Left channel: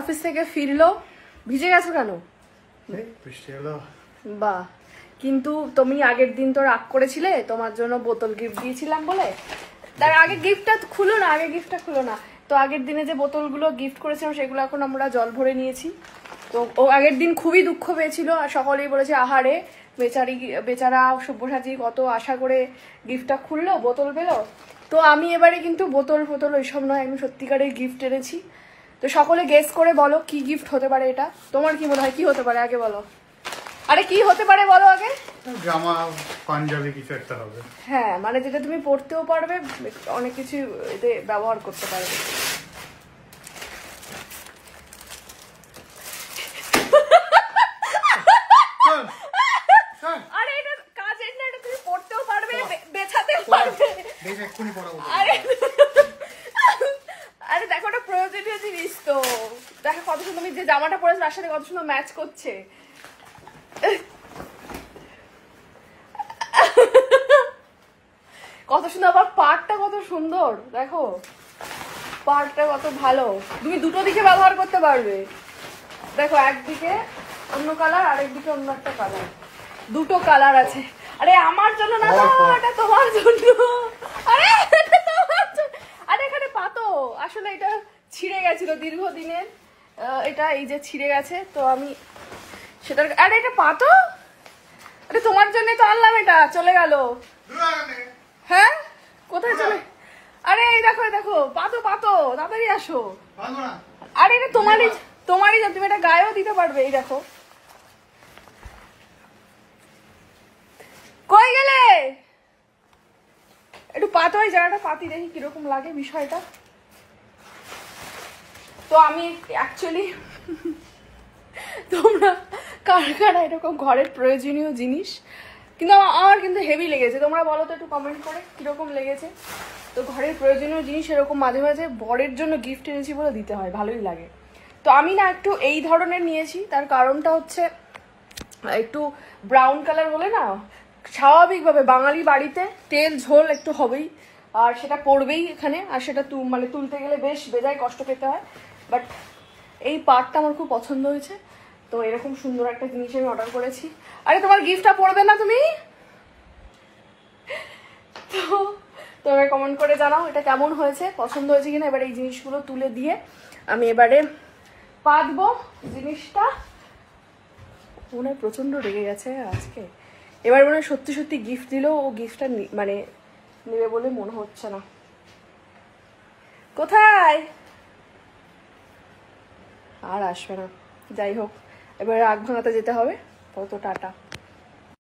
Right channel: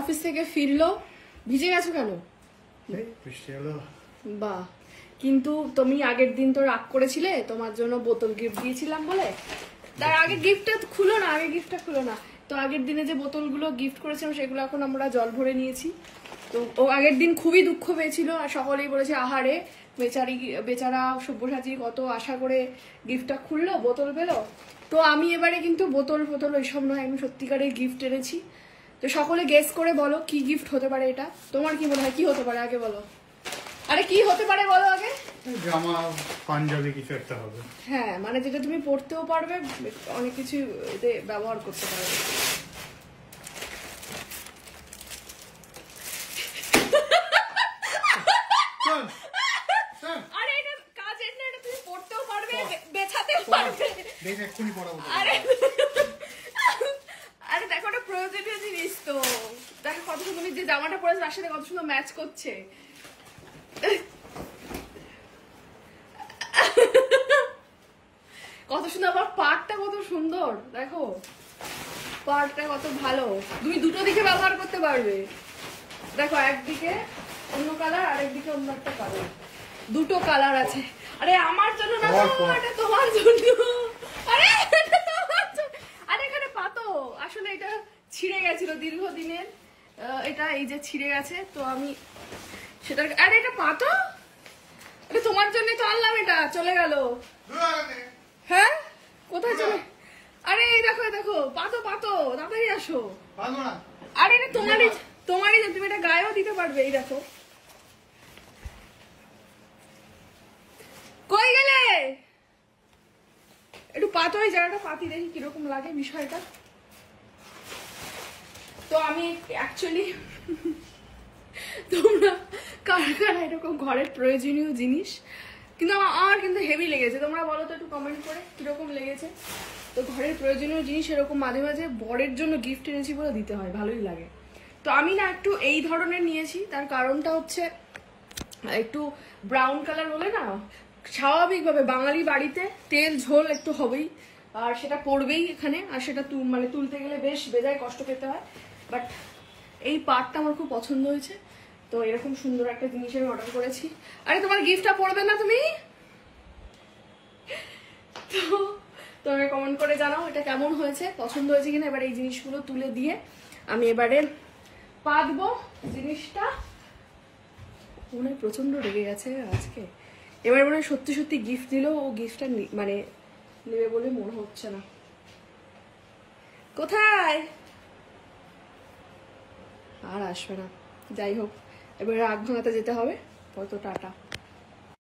Office থেকে ফিরলো, ভিজে গেছো কেন? বাহ, কিন্তু তুমি আগের দিন তো রাগ করেছিলে তোমার জন্য বোতল গিফট দিয়েছিলাম বলে। তার আগে গিফটটা খুলো না, আগে গিফটটা খুলো না। তো আগের দিনে যে বোতলগুলো গিফট করেছিলাম সেগুলো এখন আমরা জল ভরে নিয়েছি। তো ও আগের দিন খুবই দুঃখ পেয়েছিল আর সকলেই বলেছে আহারে বেচারা সব্যসাচী কত আশা করে গিফটটা খুললো, বোতল পেলো। তো আমি এবারে কিন্তু বোতল ওইসব নয়, আমি সত্যিকারের গিফট এনেছি। তো সকলে গেস করে বলো কি গিফট হতে পারে এটা। তোমার কি মনে হয় কি হতে পারে আগে বলো। আরে কি হতে পারে বলো আগে। জামা পাঞ্জাবি কিছু একটা হবে। হ্যাঁ, মানে যেটা তুমি পরতেও পারবে, অনেক কিছু এতে ব্যবহার করতে পারবে। আরে এটা কাজের না, এটা তুমি পরতেও পারবে, বেছাতেও পারবে। আরে দেখো এটা প্রয়োজনীয় জিনিস তো। দেখো কত সুন্দর, তুমি যে জামাটা পরেছো তার সাথে কত সুন্দর ম্যাচ করছে। কত সুন্দর, আবার পাড়টা কত সুন্দর, দেখো পাড়টা কত ভালো। তুমি দুটো দিকে ব্যবহার করতে পারবে। দেখো একদিকে অন্য কালার, আরেকদিকে অন্য একটা কালার, দুটো কালার আছে। আরে আমার জন্য না, এটা তোমার জন্য। আরে আরে এখানে পাতো, আসলে এটা ছিঁড়ে গেছিল দীর্ঘদিনের, এটা এই যে ছিঁড়ে গেছে তো আমি সেটা। আরে এটা পাতো, এটা তোমার জন্য তো আনলাম, এটা চলে গেল। হ্যাঁ কোথায় চলে? আরে এই দেখো পাতো তাড়াতাড়ি আসো। আরে এটা তোমারই, তুমি এটা গায়েও দিতে পারবে। এই দেখো, কই গেলে? একটু পাতো, এই জায়গাটা পাতি, দেখি কিরকম লাগে বিষয়টা। তো আমি অ্যাকচুয়ালি তোমরা কারা এরকম ঘরের প্রয়োজনীয় জিনিস, কিন্তু আমার কিন্তু হেভি লেগেছে। তোমরা বলো তো একটু কমেন্ট করে কিরকম লেগেছে। তো ঘরের প্রয়োজনীয় জিনিস এরকম মাঝে মাঝে বরের জন্য গিফট এনেছি বলে দিতে হয়, ভালোই লাগে। তো আমি না একটু এই ধরনের নিয়েছি, তার কারণটা হচ্ছে একটু ব্রাউন কালার বলে না, স্বাভাবিকভাবে বাঙালি বাড়িতে তেল ঝোল একটু হবেই, আর সেটা পড়বেই এখানে, আর সেটা মানে তুলতে গেলে বেশ বেজায় কষ্ট পেতে হয়। বাট এই পার্টটা আমার খুব পছন্দ হয়েছে, তো এরকম সুন্দর একটা জিনিস আমি অর্ডার করেছি। আরে তোমার গিফটটা পড়বে না তুমি? তো তোমরা কমেন্ট করে জানাও এটা কেমন হয়েছে, পছন্দ হয়েছে কিনা। এবার এই জিনিসগুলো তুলে দিয়ে আমি এবারে পাতবো জিনিসটা। মনে হয় প্রচন্ড রেগে গেছে আজকে। এবার মনে হয় সত্যি সত্যি গিফট দিলেও ও গিফটটা মানে নেবে বলে মনে হচ্ছে না। কোথায়? আর আসবে না। যাই হোক, এবার রাগ ভাঙাতে যেতে হবে। তো টাটা।